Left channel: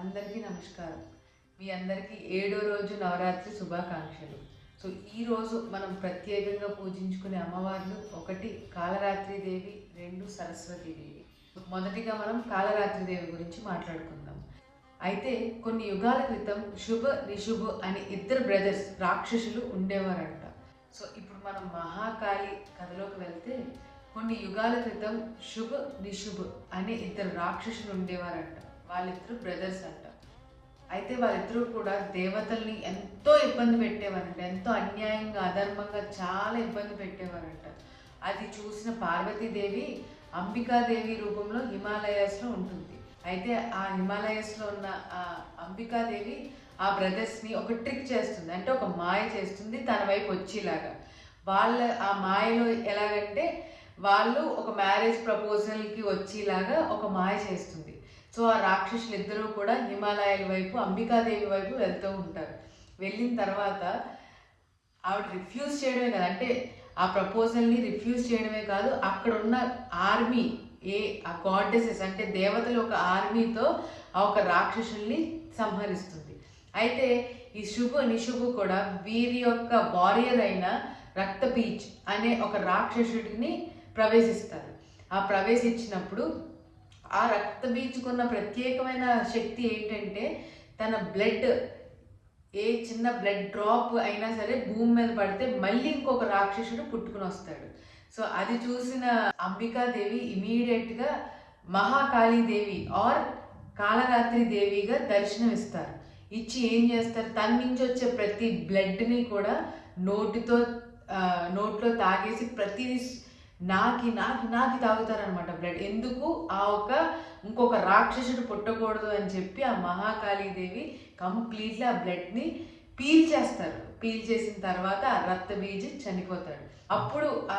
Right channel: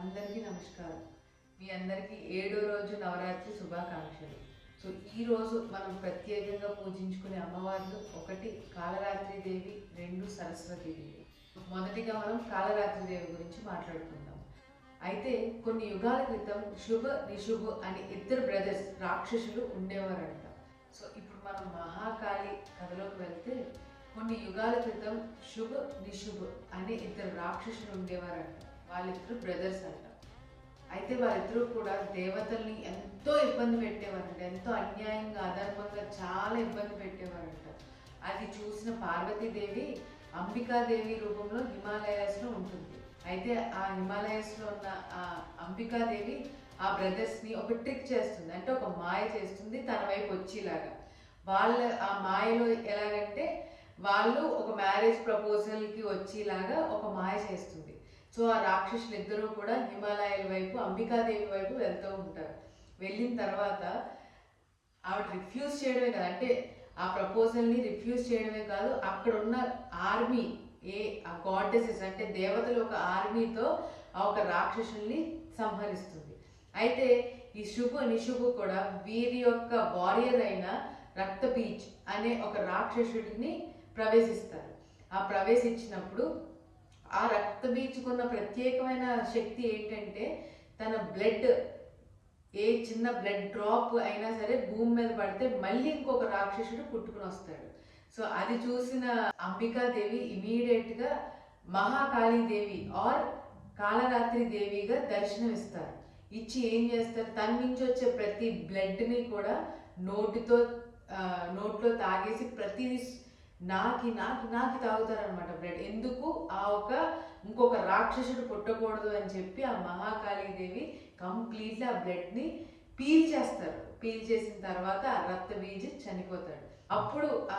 అందరికీ నమస్కారం. మీ అందరికీ 7వ రోజు నవరాత్రి శుభాకాంక్షలు. సో ఈరోజు మనం ప్రత్యేకంగా పూజించుకునే అమ్మవార్లు ఒకటి కాళరాత్రి దేవి, రెండు సరస్వతి దేవి. మొదటిగా మనం కాళరాత్రి దేవి గురించి మాట్లాడుకుందాం. అయితే కొన్ని యుగాల క్రితం శుభ నిశుభ అని ఇద్దరు బ్రదర్స్ రాక్షసులు ఉండేవారంట. సో ఇప్పుడు మనం మహాకాళి కథలోకి వెళ్తే కొన్ని యుగాల క్రితం శుభ నిశుభ అనే ఇద్దరు రాక్షసులు ఉండేవారంట. వాళ్ళిద్దరు బ్రదర్స్ అంట. అయితే వాళ్ళిద్దరూ కూడా దేవతల్ని ఎంతో ఇబ్బంది పెట్టేవారంట. ఎంతో అన్యాయంగా అధర్మంగా చాలా ఇబ్బంది పెట్టేవారంట. అది చూసిన పార్వతీదేవి అంబికాదేవి రూపంలో హిమాలయాస్లో ఉంటుంది. అయితే ఆ హిమాలయాస్లో ఉన్న ఆ అంబికాదేవి ఆ బ్రదర్స్ని ఒక ట్రిక్ చేస్తుంది, అంటే ఒక మాయ చేస్తుంది తన వైపు వచ్చేలాగా. వాళ్ళ ఆ మాయలో ఎలాగంటే వాళ్ళు ఒక మ్యారేజ్ ప్రపోజల్కి వచ్చేలాగా ఒక మాయ చేస్తుంది. సో ఆ రాక్షసులు ఇద్దరూ కూడా హిమాలయాల వైపు అంబికాదేవి వైపు వెళ్తూ ఉంటారు. వెళ్ళిన తర్వాత ఆవిడ రిఫ్యూజ్ చేయడమే కాదు, అంటే ఆ ప్రపోజల్ని రిఫ్యూజ్ చేయడమే కాదు, అక్కడ ఉన్న ఆర్మీ ఆ గాడెసెస్ అంటే దేవతలు ఒక ఆర్మీతో ఆ ఒక రాక్షసుల్ని సంహరిస్తుంది. అయితే ఈ శుభ నిశుభ కూడా వీరి యొక్క వారియర్ అయిన రక్తబీజ్ అనే ఒక రాక్షసుడిని ప్రవేశిస్తారు. ఆ ప్రవేశించినప్పుడు ఆ రక్తబీజుకున్న ప్రత్యేకమైన శక్తి ఏంటంటే తన బ్లడ్ ఏ చిన్న బ్లడ్ డ్రాప్ అయినా సరే భూమి మీద పడితే మళ్ళీ ఇంకొక రాక్షసుడు పుట్టుకుని వస్తాడు. సో అది చూసిన అంబికాదేవి ఇమీడియట్గా మహాకాళీదేవి ఆర్ కాళరాత్రి దేవిగా దర్శనం ఇస్తారు. ఇచ్చి ఏం చేస్తారు, తన నుంచి వచ్చే ప్రతి బ్లడ్ని కూడా నోట్లో తాగేసి ప్రతిదీ నాకి నాకి నాకి తాగుతారనమాట బ్లడ్. ఎందుకు ఇంకొక రాక్షసుడు పుట్టకూడదు అని చెప్పి ఆ మహాకాళీదేవి కంప్లీట్లీ ఆ బ్లడ్ని పీల్ చేసిన తర్వాత ఆ రక్తబీజ్ చనిపోతాడు. అప్పుడు ఆ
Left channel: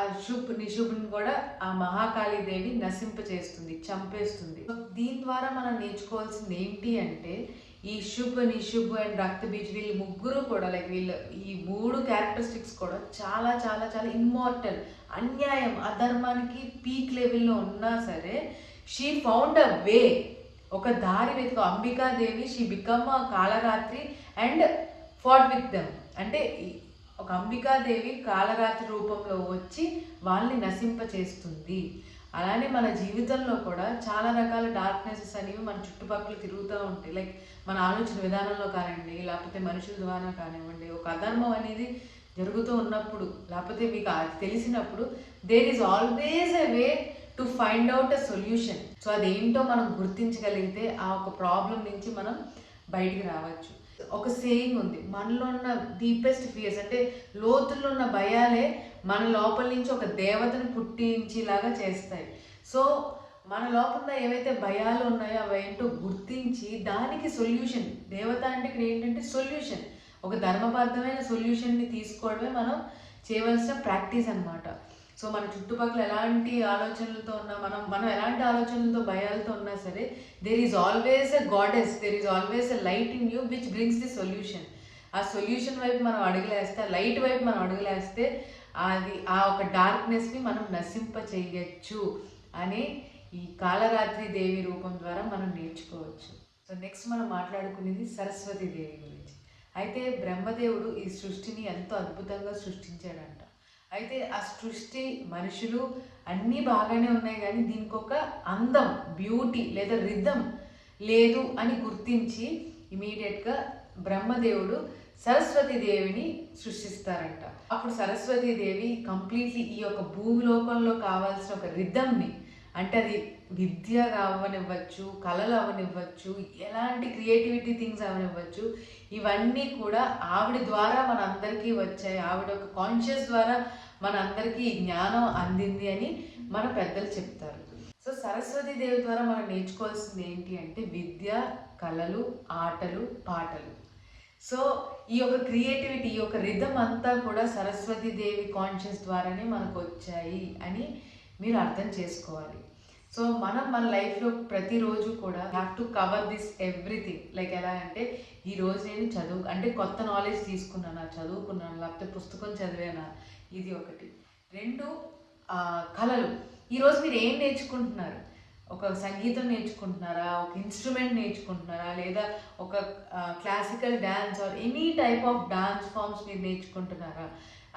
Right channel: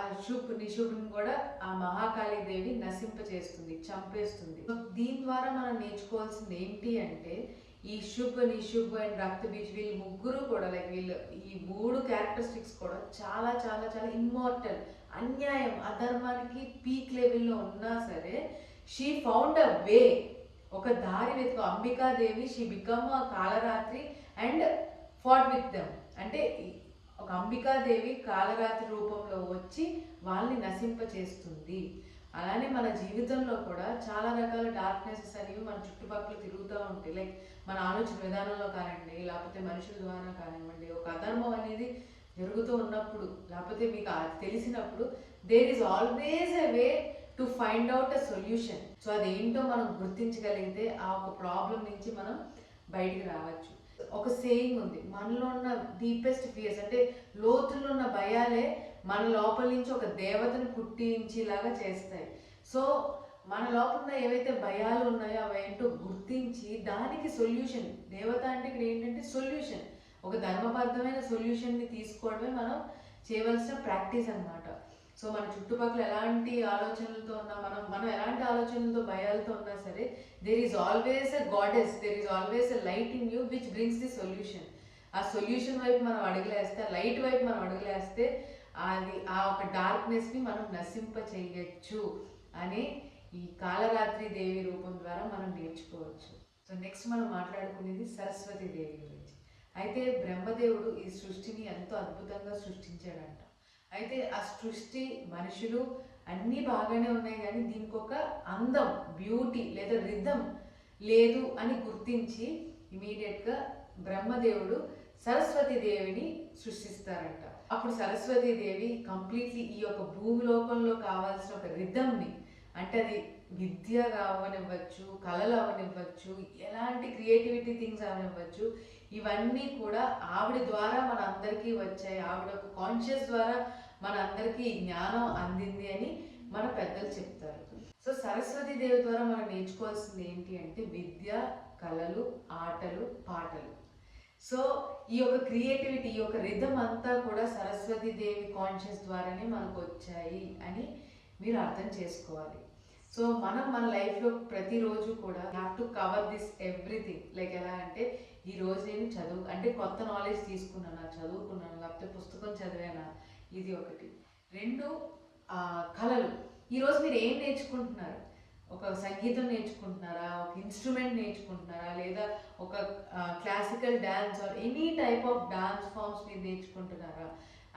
నిశుభ్ని కూడా ఆ మహాకాళీదేవి నశింపచేస్తుంది, చంపేస్తుంది. దీని ద్వారా మనం నేర్చుకోవాల్సింది ఏంటి అంటే ఈ శుభ నిశుభ అండ్ రక్తబీజ్ వీళ్ళు ముగ్గురు కూడా ఈ మూడు క్యారెక్టరిస్టిక్స్ కూడా చాలా చాలా చాలా ఇమ్మోర్టల్. అన్యాయం అధర్మానికి పీక్ లెవెల్లో ఉన్నా సరే షీ ఫౌండ్ అ వే, ఒక దారి వెతుకు Ambika Devi. She become a Kalaratri and fought with them. అంటే ఒక అంబికాదేవి కాళరాత్రి రూపంలో వచ్చి వాళ్ళని నశింపచేస్తుంది. అలానే మన జీవితంలో కూడా చాలా రకాల డార్క్నెసెస్ అనేవి మన చుట్టుపక్కల తిరుగుతూ ఉంటాయి. లైక్ మన ఆలోచన విధానంలో కానివ్వండి, లేకపోతే మనుషుల ద్వారా కానివ్వండి, ఒక అధర్మం అనేది జరుగుతూ ఉన్నప్పుడు లేకపోతే మీకు తెలిసినప్పుడు there is always a way to find out a solution. So అదేంటో మనం గుర్తించగలిగితే ఆ ఒక ప్రాబ్లం నుంచి మనం బయటికి రావచ్చు. ఒక సేయింగ్ ఉంది, మనలో ఉన్న డీపెస్ట్ ఫియర్స్ అంటే లోతుల్లో ఉన్న భయాలే మన లోపల నుంచి ఒక దేవతను పుట్టించేలాగా చేస్తాయి. సో మన లోపల ఏవైతే భయాలు ఉన్నాయో అవేంటో గుర్తించి దానికి సొల్యూషన్, దేవత అంటే ఇక్కడ ఏంటంటే సొల్యూషన్, ఒక ధర్మబద్ధమైన సొల్యూషన్ని తీసుకోవడమే మనం చేయవలసిన ప్రాక్టీస్ అనమాట. సో మన చుట్టుపక్కల ఎలాంటి ఆలోచనలతో ఉన్నా మనం ఎలాంటి ఆలోచనలతో భయాలతో ఉన్నా సరే there is always a goddess, there is always a light in you which brings the solution. ఆ సొల్యూషన్ వైపు మనం అడుగులేస్తే, ఆ లైట్ వైపు మనం అడుగులేస్తే అది ఆ ఒక డార్క్నెస్ని మనం నశింప చేయొచ్చు అని ఈ కాళరాత్రి దేవి రూపం ద్వారా మనం నేర్చుకోవచ్చు. సో నెక్స్ట్ మనం మాట్లాడుకునేది సరస్వతి దేవి గురించి. అయితే బ్రహ్మదేవుడు ఈ సృష్టిని ఎంతో అద్భుతంగా సృష్టించాడంట. అయితే ఆ సృష్టి మనుషులు అన్నీ బాగానే ఉన్నాయి, కానీ దీనికి ఒక అందం, బ్యూటీ లేదా రిథం లేదు అని గుర్తించి ఇమీడియట్గా బ్రహ్మదేవుడు సరస్వతీదేవిని సృష్టిస్తారంట. అప్పుడు సరస్వతీదేవి కంప్లీట్లీ ఈ యొక్క భూలోకంలో కావాల్సిన ఒక రిథంని, అంటే అది విద్య అవనివ్వచ్చు, కళలు అవనివ్వచ్చు, ఎలాంటి క్రియేటివిటీ థింగ్స్ అవనివ్వచ్చు, ఇవన్నీ కూడా ఆవిడ ద్వారా మన అందరికీ వచ్చాయి. ఆవిడ ఒక కాన్షియస్ ద్వారా మన అందరికీ జ్ఞానం అందింది అని మన పెద్దలు చెప్తారు. సో సరస్వతి దేవి ద్వారా మనం నేర్చుకోవాల్సింది ఏంటి అంటే విద్య, కళలు, ఆటలు, పాటలు. సో ఈ యొక్క క్రియేటివిటీ, ఈ యొక్క రిథం అంతా కూడా సరస్వతి దేవి కాన్షియస్ ద్వారానే మనకు వచ్చాయి అని మీరు అర్థం చేసుకోవాలి. సో మన లైఫ్లో ప్రతిరోజు కూడా have to cover this everything. Like ఎలా అంటే ఈరోజు నేను అంటే కొత్త నాలెడ్జ్ తీసుకున్నానా, చదువుకున్నాను, లేకపోతే పుస్తకం చదివానా, ఇది ఒకటి. రెండు, కళలు. ఈరోజు మీరు ఏం నేర్చుకుంటున్నారు, ఒక సంగీతం నేర్చుకుంటున్నారా, ఒక ఇన్స్ట్రుమెంట్ నేర్చుకుంటున్నారా, లేదా ఒక classical dance or any type of dance forms మీరు నేర్చుకుంటున్నారా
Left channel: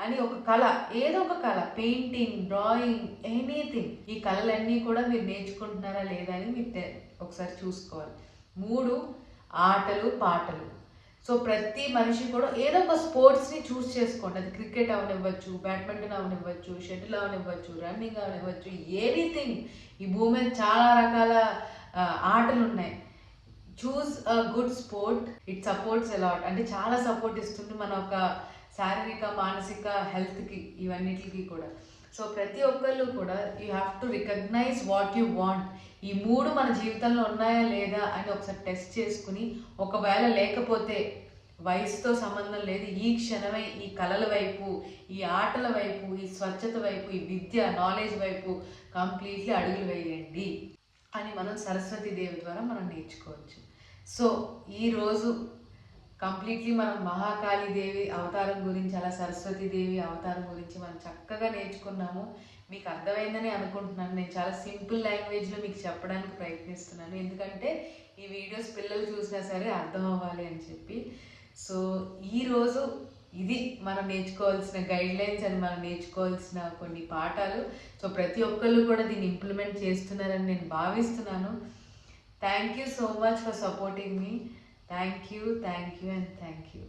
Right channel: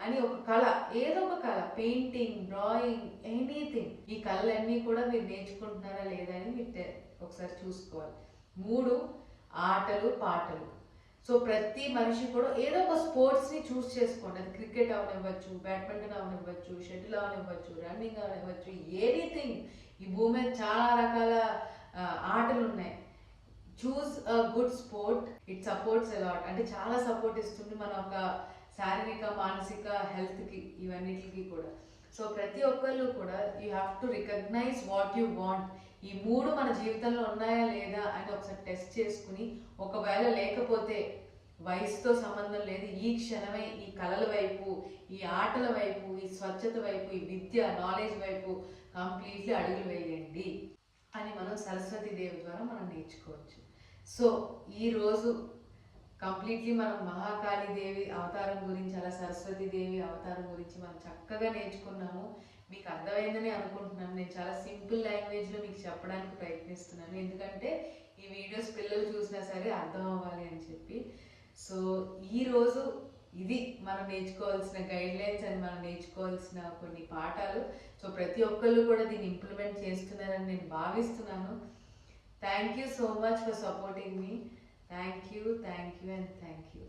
అని ఒక కళ, ఏదో ఒక కళ, పెయింటింగ్, డ్రాయింగ్, ఎనీథింగ్, ఈ కళలన్నీ కూడా మీరు నేర్చుకుంటున్నారా లేదా అని మీరు ఒకసారి చూసుకోవాలి. 3 ఆటలు పాటలు. సో ప్రతి మనిషి కూడా ఏదో ఒక స్పోర్ట్స్ని చూస్ చేసుకోండి. అది క్రికెట్ అవనివ్వచ్చు, బ్యాడ్మింటన్ అవనివ్వచ్చు, షటిల్ అవనివ్వచ్చు, రన్నింగ్ అవనివ్వచ్చు, ఎనీథింగ్. ఈ భూమి మీద చాలా రకాల ఆటలు ఉన్నాయి. Choose a good sport, it supports a lot. అంటే చాలా సపోర్ట్ ఇస్తుంది మన ఒక శారీరక మానసిక హెల్త్కి, ఇవన్నిటికి కూడా. సో ప్రతి ఒక్కళ్ళు కూడా you have to recognise what you want. ఈ 3 మన జీవితంలో ఉన్నాయా లేదా అని ఒకసారి టెస్ట్ చేసుకుని, ఒకవేళ లేకపోతే వయసుతో సంబంధం లేదు, ఈ క్షణమే ఈ కళల వైపు, ఈ ఆటల వైపు, ఈ స్వచ్ఛత వైపు, ఈ విద్య నాలెడ్జ్ వైపు కంప్లీట్లీ అడుగులు వేయండి అని మనం సరస్వతి దేవి ద్వారా మనం నేర్చుకోవచ్చు. సో ఈరోజు కంప్లీట్లీ మనం మహాకాళీ దేవి అవతారం గురించి, అలా సరస్వతి దేవి అవతారం గురించి మనం చక్కగా నేర్చుకున్నాము. మీకు అర్థమైందని అనుకుంటున్నాను. నేను చాలా సింపుల్ లాంగ్వేజ్లో మీకు చెప్పడానికి ప్రయత్నిస్తున్నాను, ఎందుకంటే ఈ వీడియోస్ పిల్లలు చూసినా సరే అర్థం అవ్వాలి అని చెప్పి. సో ఈరోజు ఇది మనం నేర్చుకోవాల్సిన గైడ్లైన్స్ అండ్ మనం నేర్చుకోవాల్సిన కొన్ని పాఠాలు. సో ప్రతి ఒక్కళ్ళు కూడా దీన్ని ఇంప్లిమెంట్ చేస్తున్నారని నేను భావిస్తున్నాను. Thank you so much for supporting me. Thank you and thank you.